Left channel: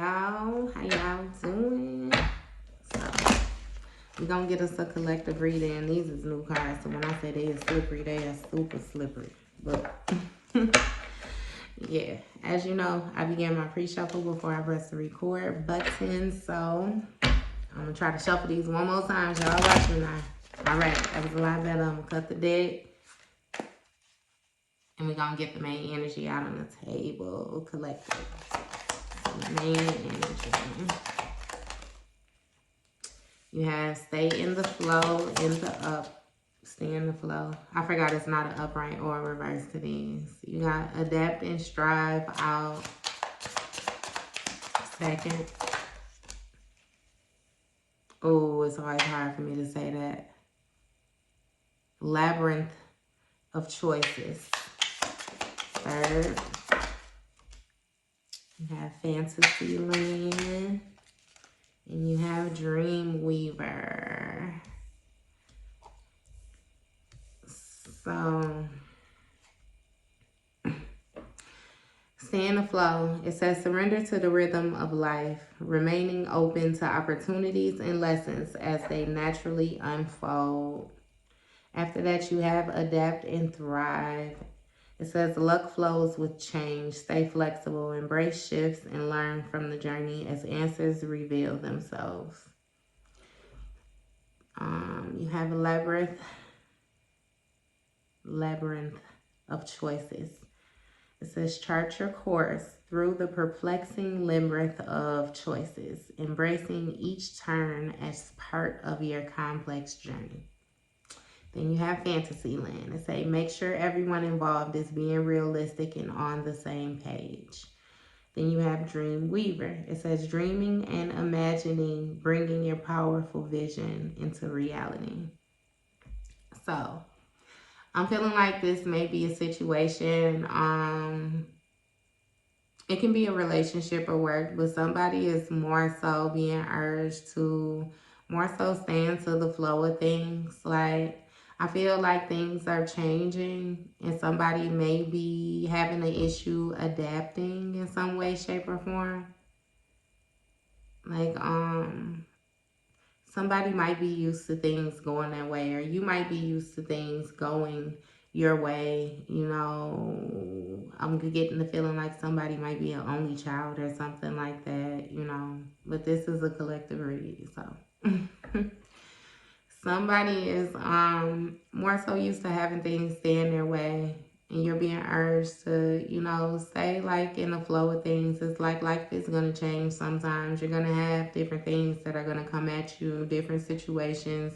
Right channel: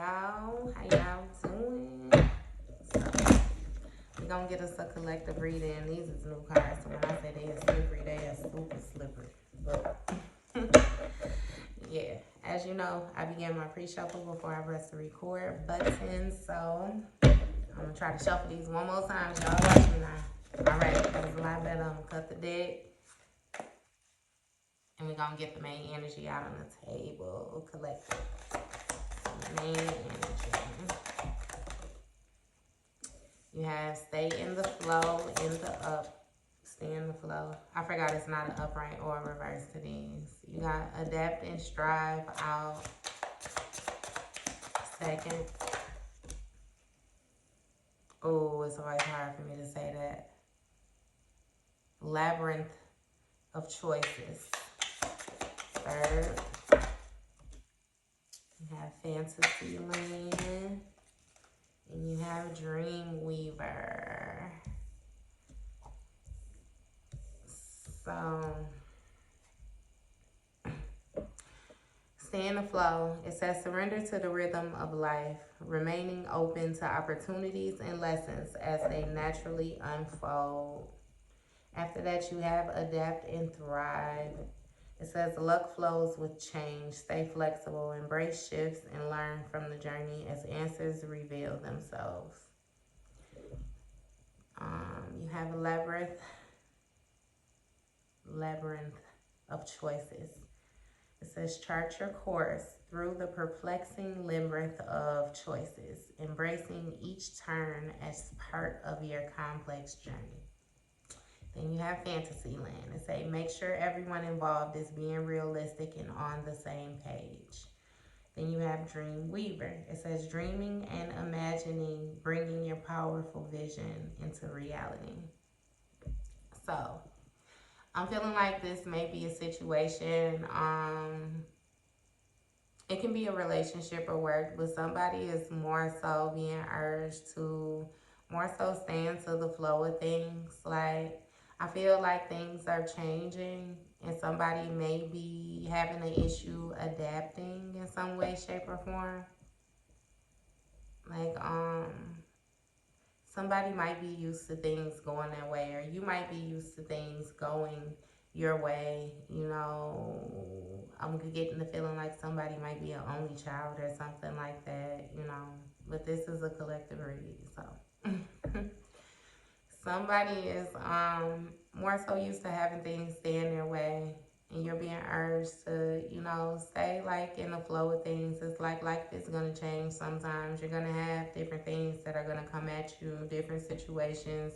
y'all. How y'all doing? So, we're gonna get us a collective reading. These is new cards, so when I say they are slippery, they are super slippery. But yeah, as you know, I began my pre-shuffle before I press the record button. So I'm gonna try to shuffle these one more time. Y'all watch me now. All right, that was a lot better. I'm gonna cut the deck. And we're gonna get the main energy out on the table. Collective. Main energy. You have stay in the flow, in the up, stay in the flow. I forgot it's not an upright or a reverse to these. You got adapt and strive out. Second. Oh, it's always hard for me to say that. Labyrinth of choices. Third. You have Fantasy Land. And you have Dream Weaver. So, stay in the flow. It says surrender to the rhythm of life, remaining open to opportunities and lessons as they naturally unfold. After that, you have adapt and thrive. It says luck flows with change. Stay flexible, embrace shifts, and learn from the journey as answers reveal themselves. You have a labyrinth of choices. It says chart your course through the perplexing labyrinth of choices, embracing each turn as part of your complex journey. Then you have Fantasy Land. It says make sure everyone involved is being realistic and on the same page. Then you have Dream Weaver. It says dreaming and imagining, bringing your powerful vision into reality. So, I'm feeling like this may be a situation. It can be a relationship or work, but somebody is more so being urged to more so stand to the flow of things. Like, I feel like things are changing and somebody may be having an issue adapting in some way, shape, or form. Like, somebody might be used to things going that way, or you might be used to things going your way. You know, I'm getting the feeling like somebody might be an only child or something like that, you know. But this is a collective read, so. Somebody is more so used to having things stay in their way, and you're being urged to, you know, stay like in the flow of things. It's like life is going to change sometimes. You're going to have different things that are going to come at you, different situations,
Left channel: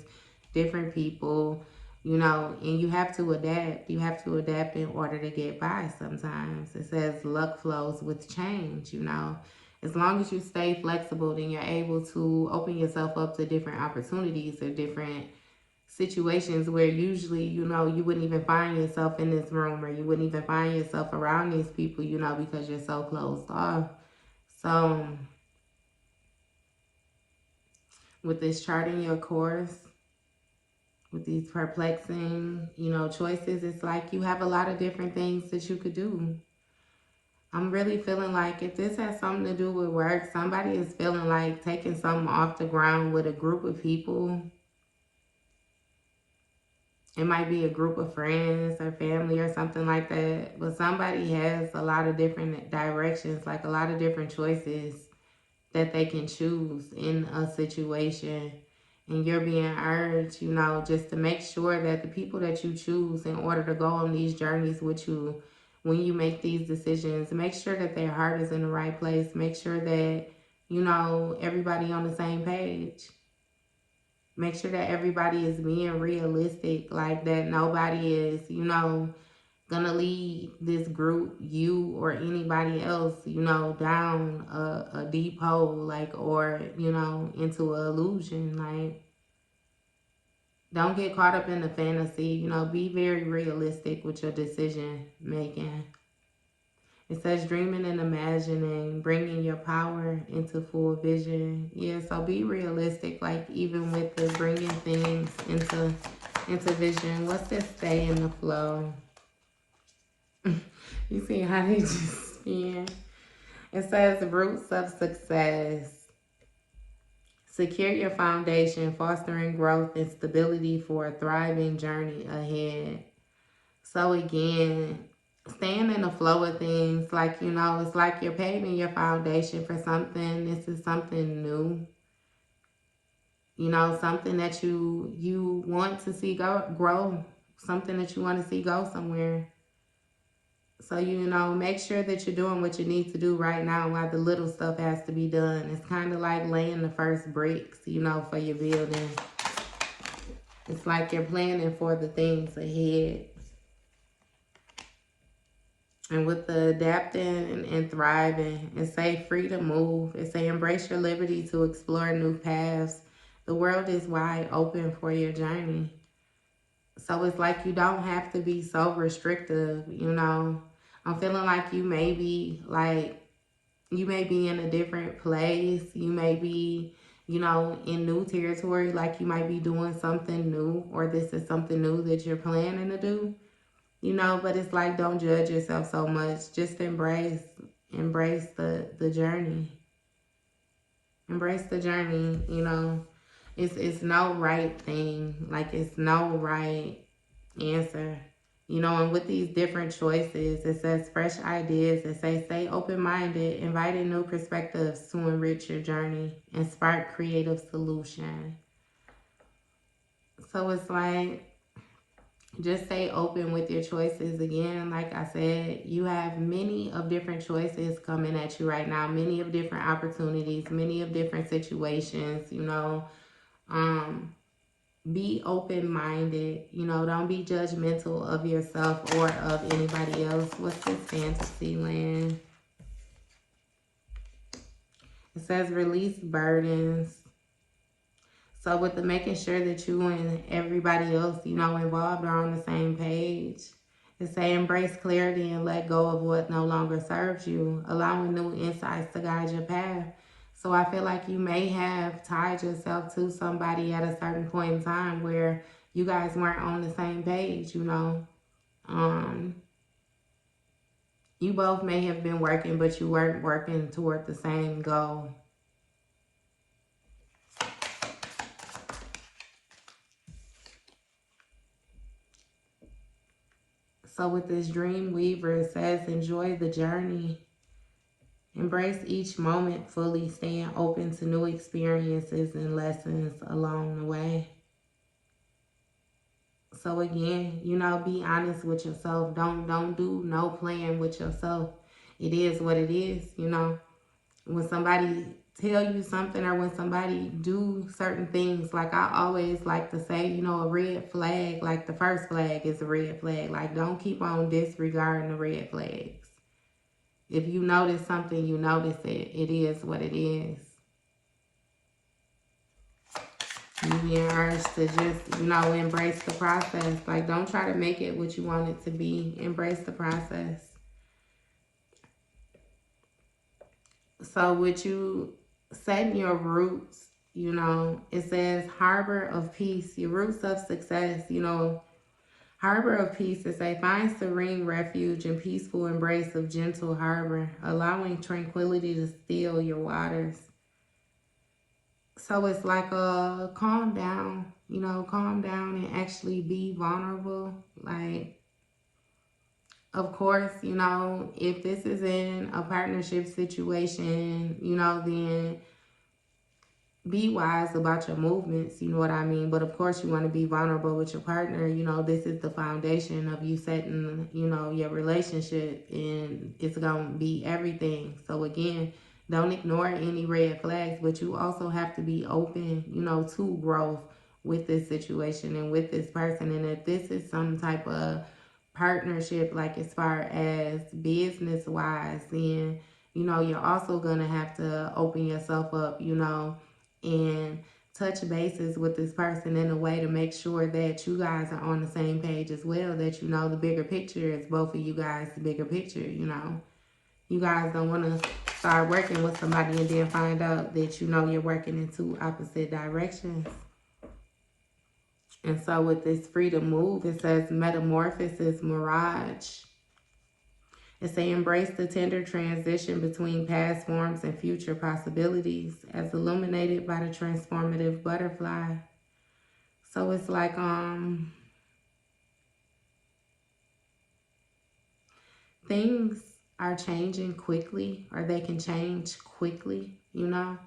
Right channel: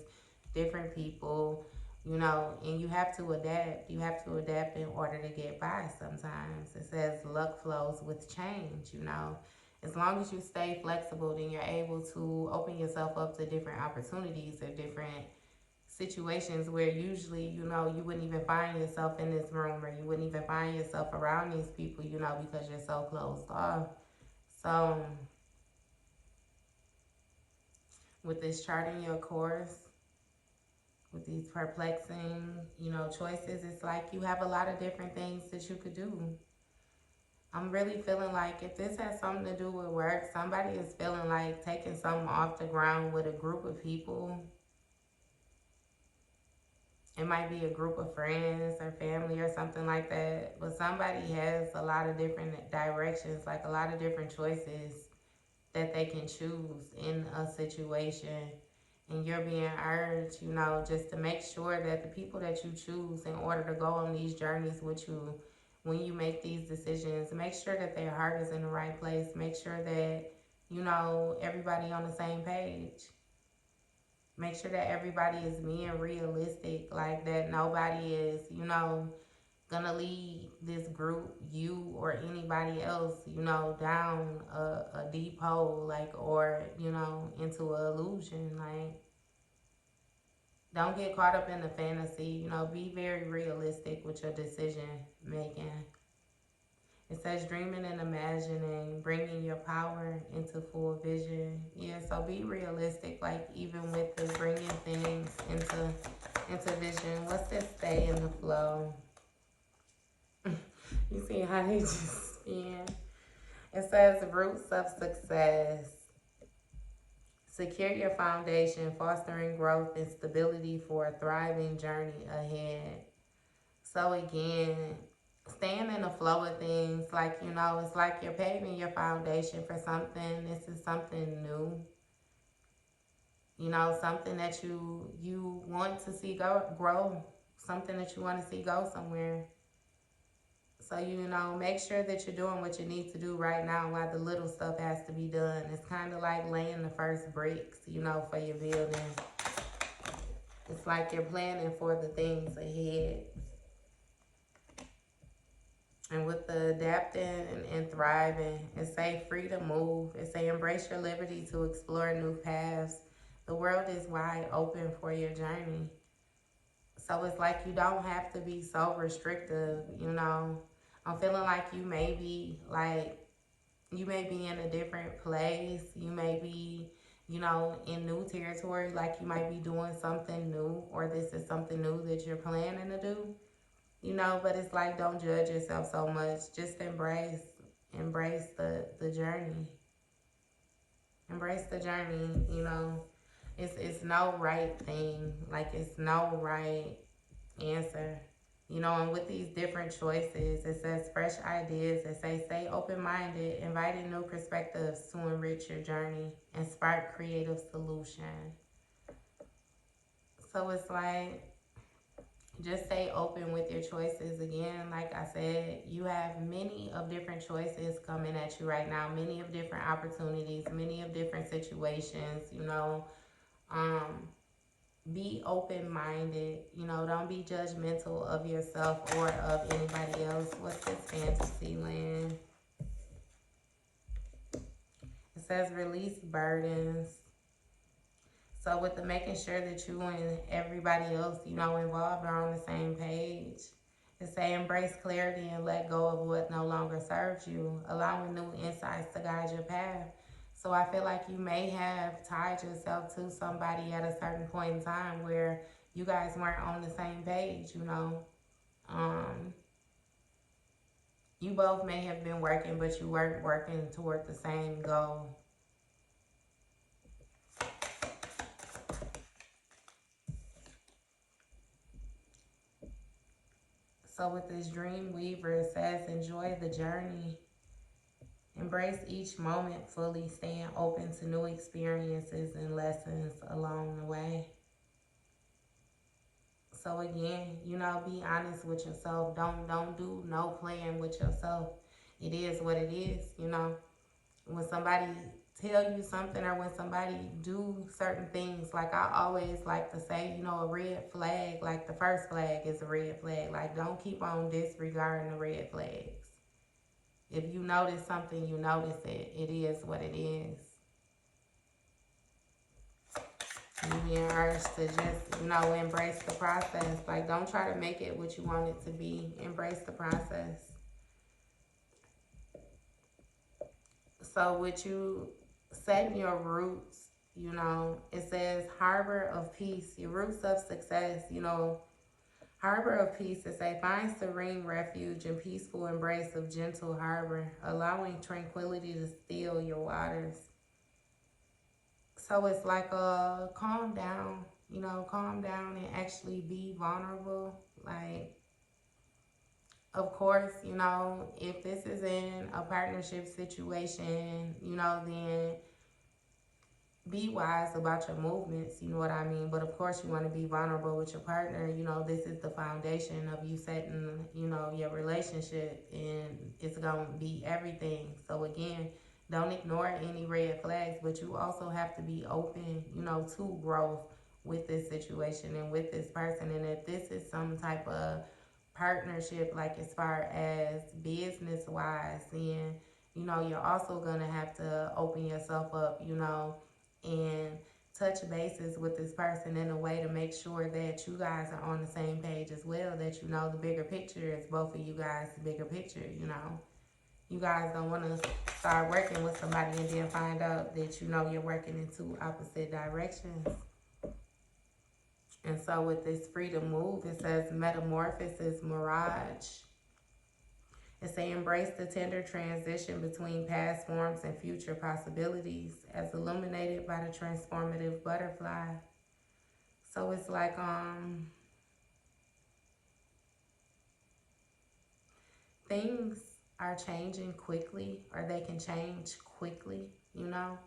different people, you know, and you have to adapt. You have to adapt in order to get by sometimes. It says luck flows with change, you know. As long as you stay flexible, then you're able to open yourself up to different opportunities or different situations where usually, you know, you wouldn't even find yourself in this room, or you wouldn't even find yourself around these people, you know, because you're so closed off. So, with this charting your course, with these perplexing, you know, choices, it's like you have a lot of different things that you could do. I'm really feeling like if this has something to do with work, somebody is feeling like taking something off the ground with a group of people. It might be a group of friends or family or something like that. But somebody has a lot of different directions, like a lot of different choices that they can choose in a situation. And you're being urged, you know, just to make sure that the people that you choose in order to go on these journeys with you, when you make these decisions, make sure that their heart is in the right place. Make sure that, you know, everybody on the same page. Make sure that everybody is being realistic, like that nobody is, you know, gonna lead this group, you or anybody else, you know, down a deep hole, like, or, you know, into an illusion. Like, don't get caught up in the fantasy, you know, be very realistic with your decision making. It says dreaming and imagining, bringing your power into full vision. Yeah, so be realistic, like even with the bringing things into vision. What's this stay in the flow? You see how they just spin? It says roots of success. Secure your foundation, fostering growth and stability for a thriving journey ahead. So again, staying in the flow of things, like, you know, it's like you're paving your foundation for something. This is something new. You know, something that you want to see grow, something that you want to see go somewhere. So, you know, make sure that you're doing what you need to do right now while the little stuff has to be done. It's kind of like laying the first bricks, you know, for your building. It's like you're planning for the things ahead. And with the adapting and thriving, it say free to move. It say embrace your liberty to explore new paths. The world is wide open for your journey. So it's like you don't have to be so restrictive, you know. I'm feeling like you may be in a different place. You may be, you know, in new territory, like you might be doing something new, or this is something new that you're planning to do, you know. But it's like, don't judge yourself so much. Just embrace the journey. Embrace the journey, you know. It's no right thing. Like, it's no right answer. You know, and with these different choices, it says fresh ideas. It says stay open-minded, inviting new perspectives to enrich your journey and spark creative solution. So it's like, just stay open with your choices. Again, like I said, you have many of different choices coming at you right now, many of different opportunities, many of different situations, you know. Be open-minded, you know. Don't be judgmental of yourself or of anybody else. What's this fantasy land? It says release burdens. So with the making sure that you and everybody else, you know, involved are on the same page. It say embrace clarity and let go of what no longer serves you, allowing new insights to guide your path. So I feel like you may have tied yourself to somebody at a certain point in time where you guys weren't on the same page, you know. You both may have been working, but you weren't working toward the same goal. So with this dream weaver, it says enjoy the journey. Embrace each moment fully, staying open to new experiences and lessons along the way. So again, you know, be honest with yourself. Don't do no playing with yourself. It is what it is, you know. When somebody tell you something, or when somebody do certain things, like I always like to say, you know, a red flag, like the first flag is a red flag. Like, don't keep on disregarding the red flags. If you notice something, you notice it. It is what it is. You being urged to just, you know, embrace the process. Like, don't try to make it what you want it to be. Embrace the process. So with you setting your roots, you know, it says harbor of peace, your roots of success, you know. Harbor of peace is a find serene refuge and peaceful embrace of gentle harbor, allowing tranquility to still your waters. So it's like calm down, you know, calm down and actually be vulnerable. Like, of course, you know, if this is in a partnership situation, you know, then be wise about your movements, you know what I mean? But of course, you want to be vulnerable with your partner. You know, this is the foundation of you setting, you know, your relationship, and it's going to be everything. So again, don't ignore any red flags, but you also have to be open, you know, to growth with this situation and with this person. And if this is some type of partnership, like as far as business wise, then, you know, you're also going to have to open yourself up, you know, and touch bases with this person in a way to make sure that you guys are on the same page as well, that you know the bigger picture is both of you guys, the bigger picture, you know. You guys don't want to start working with somebody and then find out that, you know, you're working in two opposite directions. And so with this freedom move, it says metamorphosis mirage. It say embrace the tender transition between past forms and future possibilities as illuminated by the transformative butterfly. So it's like things are changing quickly, or they can change quickly, you know.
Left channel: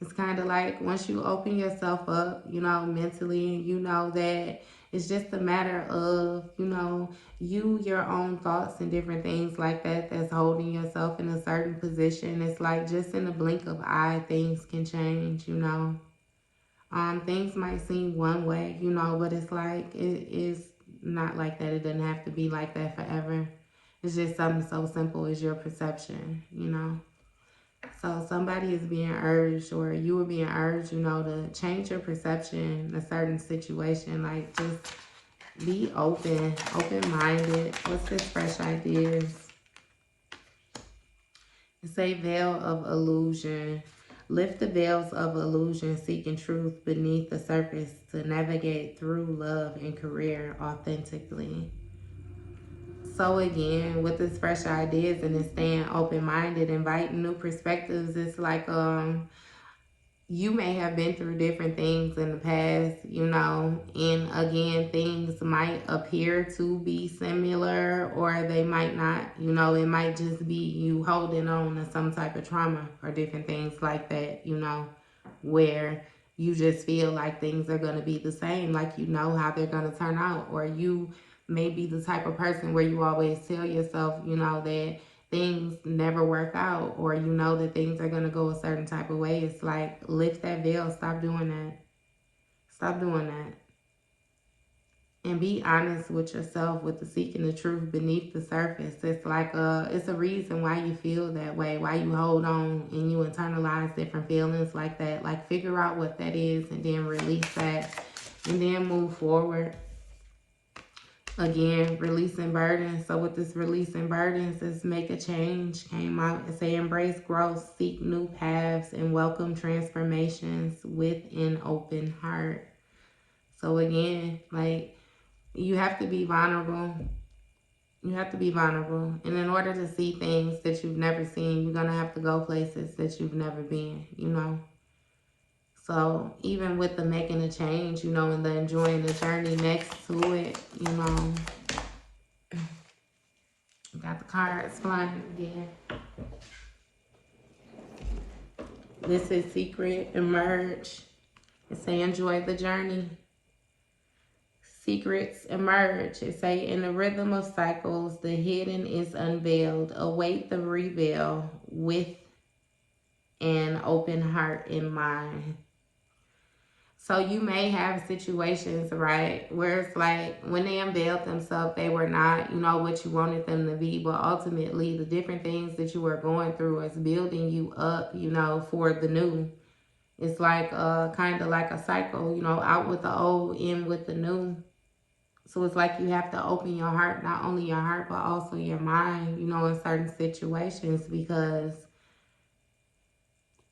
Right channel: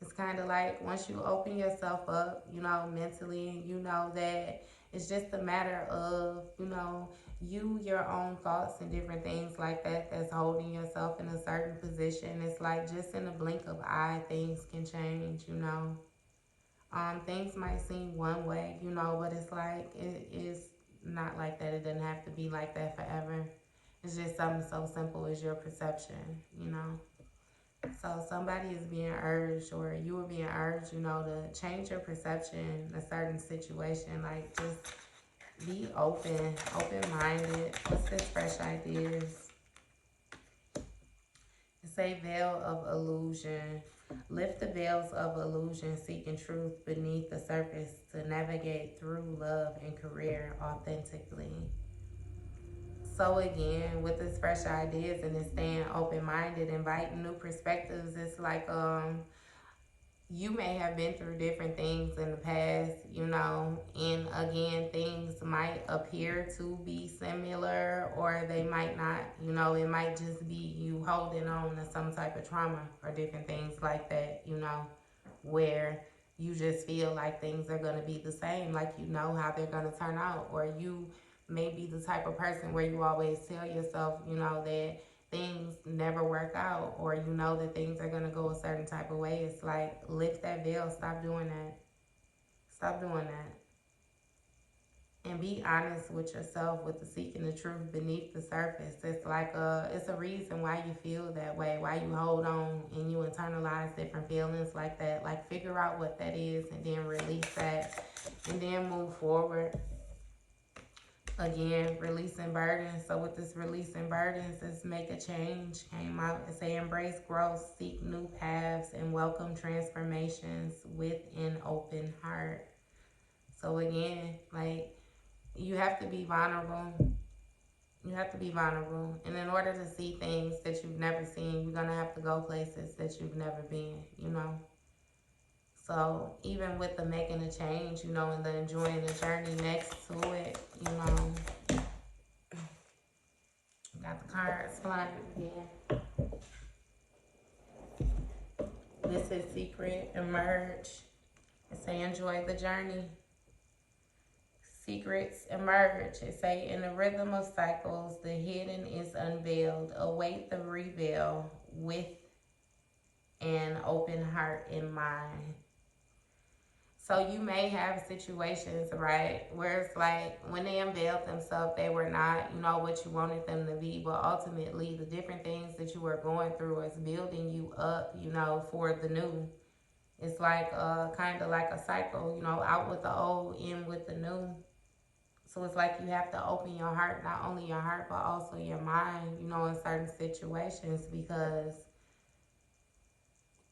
It's kind of like once you open yourself up, you know, mentally, you know that it's just a matter of, you know, your own thoughts and different things like that that's holding yourself in a certain position. It's like just in the blink of eye, things can change, you know. Things might seem one way, you know, but it's like it is not like that. It doesn't have to be like that forever. It's just something so simple as your perception, you know. So somebody is being urged, or you are being urged, you know, to change your perception in a certain situation. Like just be open-minded. What's this fresh ideas? It's a veil of illusion. Lift the veils of illusion, seeking truth beneath the surface to navigate through love and career authentically. So again, with this fresh ideas and this staying open-minded, inviting new perspectives, it's like you may have been through different things in the past, you know, and again, things might appear to be similar or they might not, you know, it might just be you holding on to some type of trauma or different things like that, you know, where you just feel like things are going to be the same, like you know how they're going to turn out, or you may be the type of person where you always tell yourself, you know, that things never work out, or you know that things are going to go a certain type of way. It's like, lift that veil. Stop doing that. Stop doing that. And be honest with yourself, with the seeking the truth beneath the surface. It's like it's a reason why you feel that way, why you hold on and you internalize different feelings like that. Like, figure out what that is and then release that and then move forward. Again, releasing burdens. So with this releasing burdens, is make a change. Came out and say embrace growth, seek new paths, and welcome transformations with an open heart. So again, like, you have to be vulnerable. You have to be vulnerable. And in order to see things that you've never seen, you're going to have to go places that you've never been, you know. So even with the making a change, you know, and the enjoying the journey next to it, you know, got the cards flying again. This is secret, emerge. It say enjoy the journey. Secrets emerge. It say in the rhythm of cycles, the hidden is unveiled. Await the reveal with an open heart in mind. So you may have situations, right, where it's like when they unveiled themselves, they were not, you know, what you wanted them to be. But ultimately, the different things that you were going through is building you up, you know, for the new. It's like kind of like a cycle, you know, out with the old, in with the new. So it's like you have to open your heart, not only your heart, but also your mind, you know, in certain situations. Because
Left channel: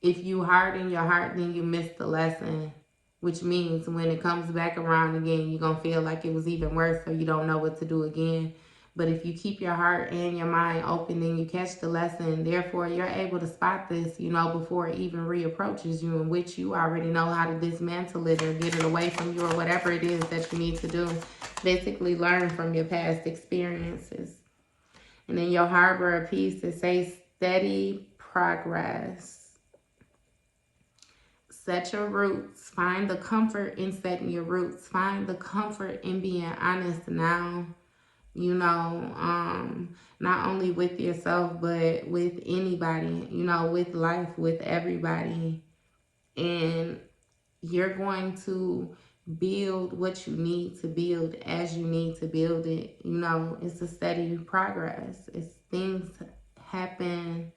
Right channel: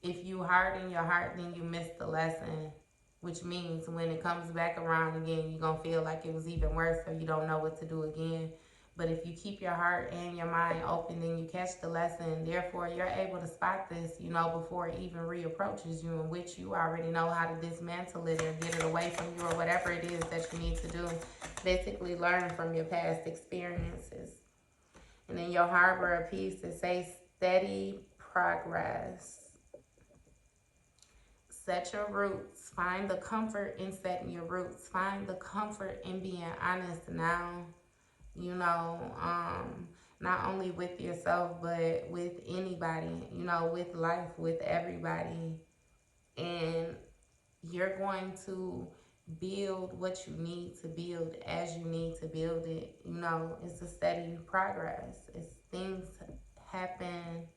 if you harden your heart, then you miss the lesson. Which means when it comes back around again, you're going to feel like it was even worse, so you don't know what to do again. But if you keep your heart and your mind open, then you catch the lesson. Therefore, you're able to spot this, you know, before it even reapproaches you, in which you already know how to dismantle it or get it away from you, or whatever it is that you need to do. Basically, learn from your past experiences. And then your harbor of peace, it says steady progress. Set your roots. Find the comfort in setting your roots. Find the comfort in being honest now, you know, not only with yourself, but with anybody, you know, with life, with everybody. And you're going to build what you need to build as you need to build it. You know, it's a steady progress. It's things happen.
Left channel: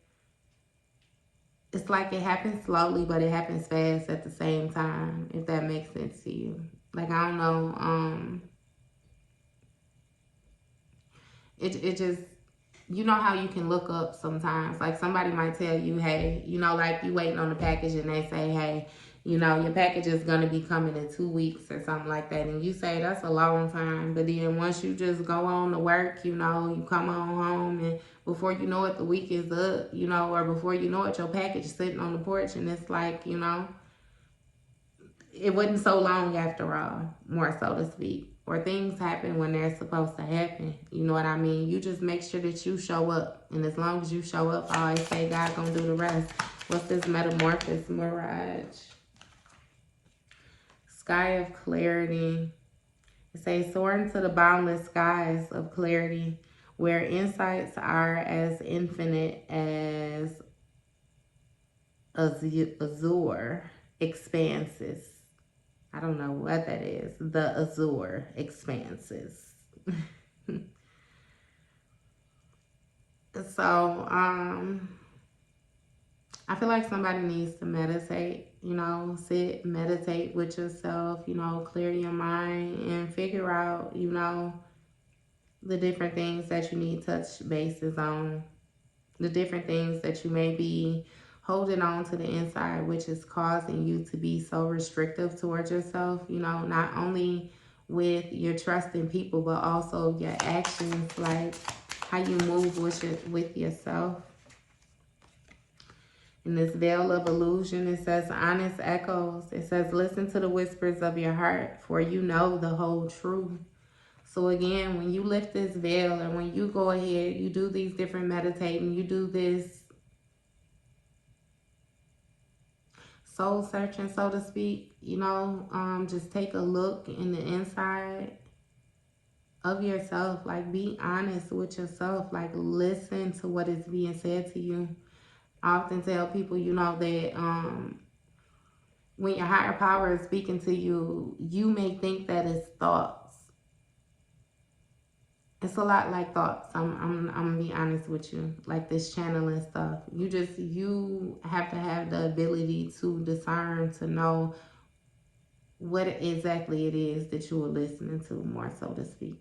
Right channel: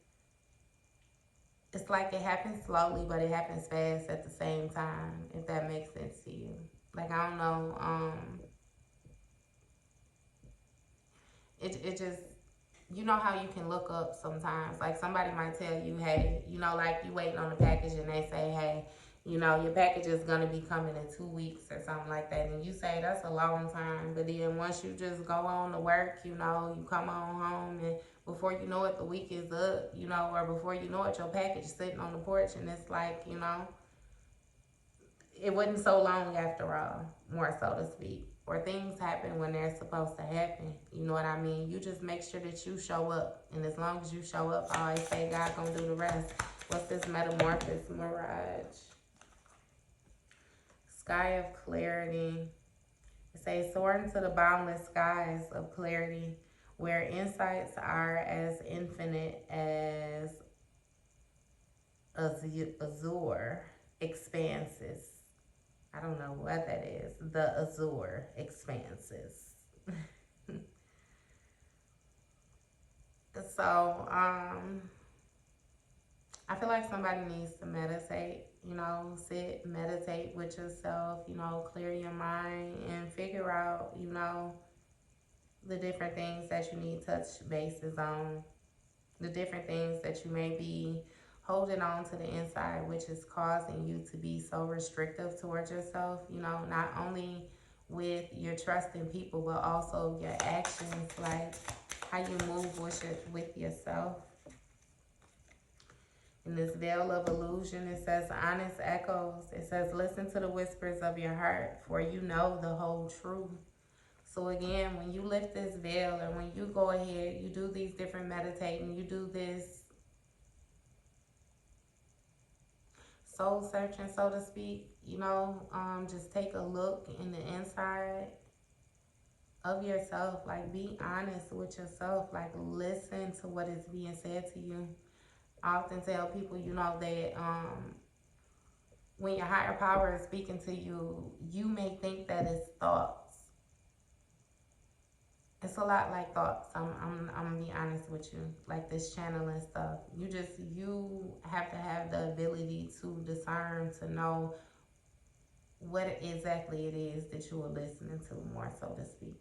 It's like it happens slowly, but it happens fast at the same time, if that makes sense to you. Like, I don't know, it just, you know how you can look up sometimes. Like, somebody might tell you, hey, you know, like you waiting on the package and they say, hey, You know, your package is going to be coming in 2 weeks or something like that. And you say that's a long time. But then once you just go on to work, you know, you come on home and before you know it, the week is up, you know, or before you know it, your package is sitting on the porch and it's like, you know, it wasn't so long after all, more so to speak. Or things happen when they're supposed to happen. You know what I mean? You just make sure that you show up. And as long as you show up, I always say God gonna do the rest. What's this metamorphosis mirage? Sky of clarity. It says soar into the boundless skies of clarity where insights are as infinite as azure expanses. I don't know what that is. The azure expanses. So, I feel like somebody needs to meditate, you know, sit, meditate with yourself, you know, clear your mind and figure out, you know, the different things that you need touch bases on, the different things that you may be holding on to the inside, which is causing you to be so restrictive towards yourself, you know, not only with your trust in people, but also your actions, like how you move with yourself. In this veil of illusion, it says honest echoes. It says listen to the whispers of your heart, for you know the whole truth. So again, when you lift this veil and when you go ahead, you do these different meditating, you do this soul searching, so to speak, you know, just take a look in the inside of yourself. Like, be honest with yourself. Like, listen to what is being said to you. I often tell people, you know, that when your higher power is speaking to you, you may think that it's thoughts. It's a lot like thoughts. I'm gonna be honest with you. Like this channeling stuff. You have to have the ability to discern, to know what exactly it is that you are listening to, more so to speak.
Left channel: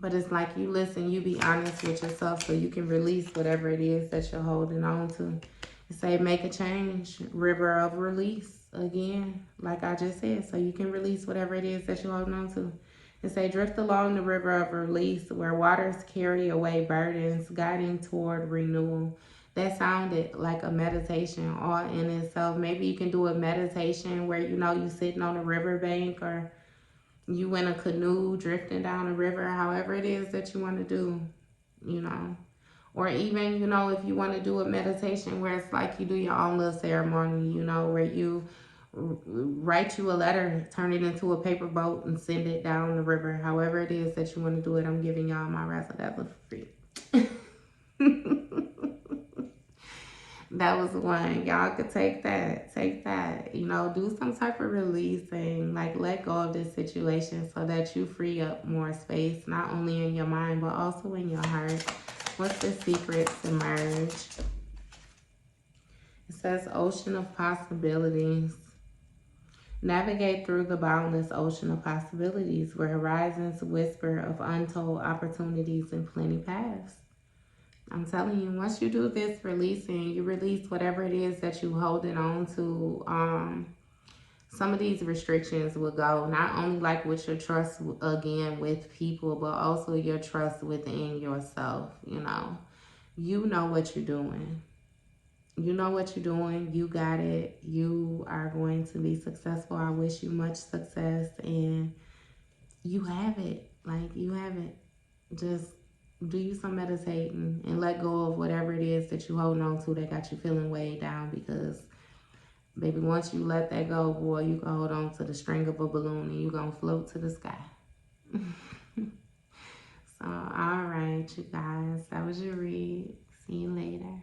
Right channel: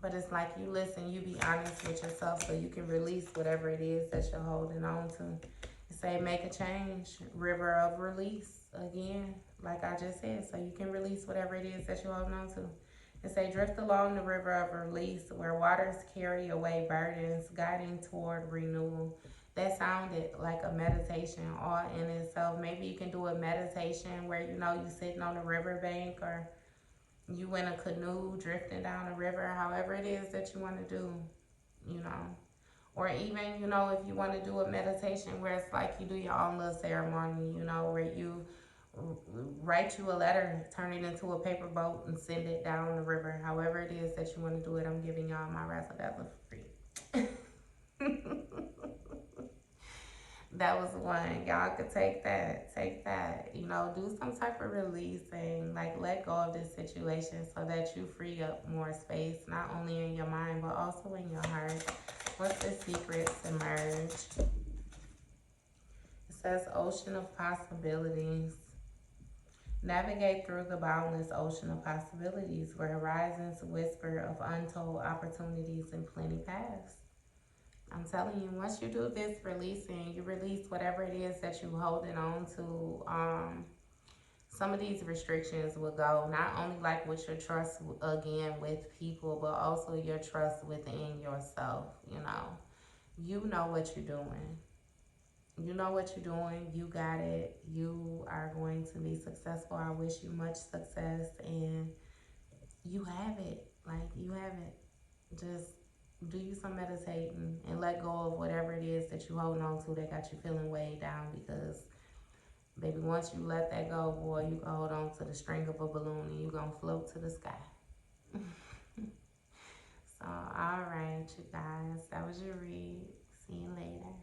But it's like you listen, you be honest with yourself so you can release whatever it is that you're holding on to. Say make a change, river of release again, like I just said, so you can release whatever it is that you're holding on to. And say drift along the river of release where waters carry away burdens, guiding toward renewal. That sounded like a meditation all in itself. Maybe you can do a meditation where you know you sitting on a riverbank, or you in a canoe drifting down a river, however it is that you want to do, you know. Or even, you know, if you want to do a meditation where it's like you do your own little ceremony, you know, where you write you a letter, turn it into a paper boat and send it down the river. However it is that you want to do it, I'm giving y'all my razzle-dazzle for free. That was one. Y'all could take that. Take that. You know, do some type of releasing. Like, let go of this situation so that you free up more space, not only in your mind, but also in your heart. What's the secrets emerge? It says ocean of possibilities. Navigate through the boundless ocean of possibilities where horizons whisper of untold opportunities and plenty paths. I'm telling you, once you do this releasing, you release whatever it is that you're holding on to. Some of these restrictions will go, not only like with your trust again with people, but also your trust within yourself. You know what you're doing. You know what you're doing. You got it. You are going to be successful. I wish you much success, and you have it. Like, you have it. Just do you some meditating and let go of whatever it is that you holding on to that got you feeling way down, because baby, once you let that go, boy, you can hold on to the string of a balloon and you gonna float to the sky. So all right, you guys, that was your read. See you later.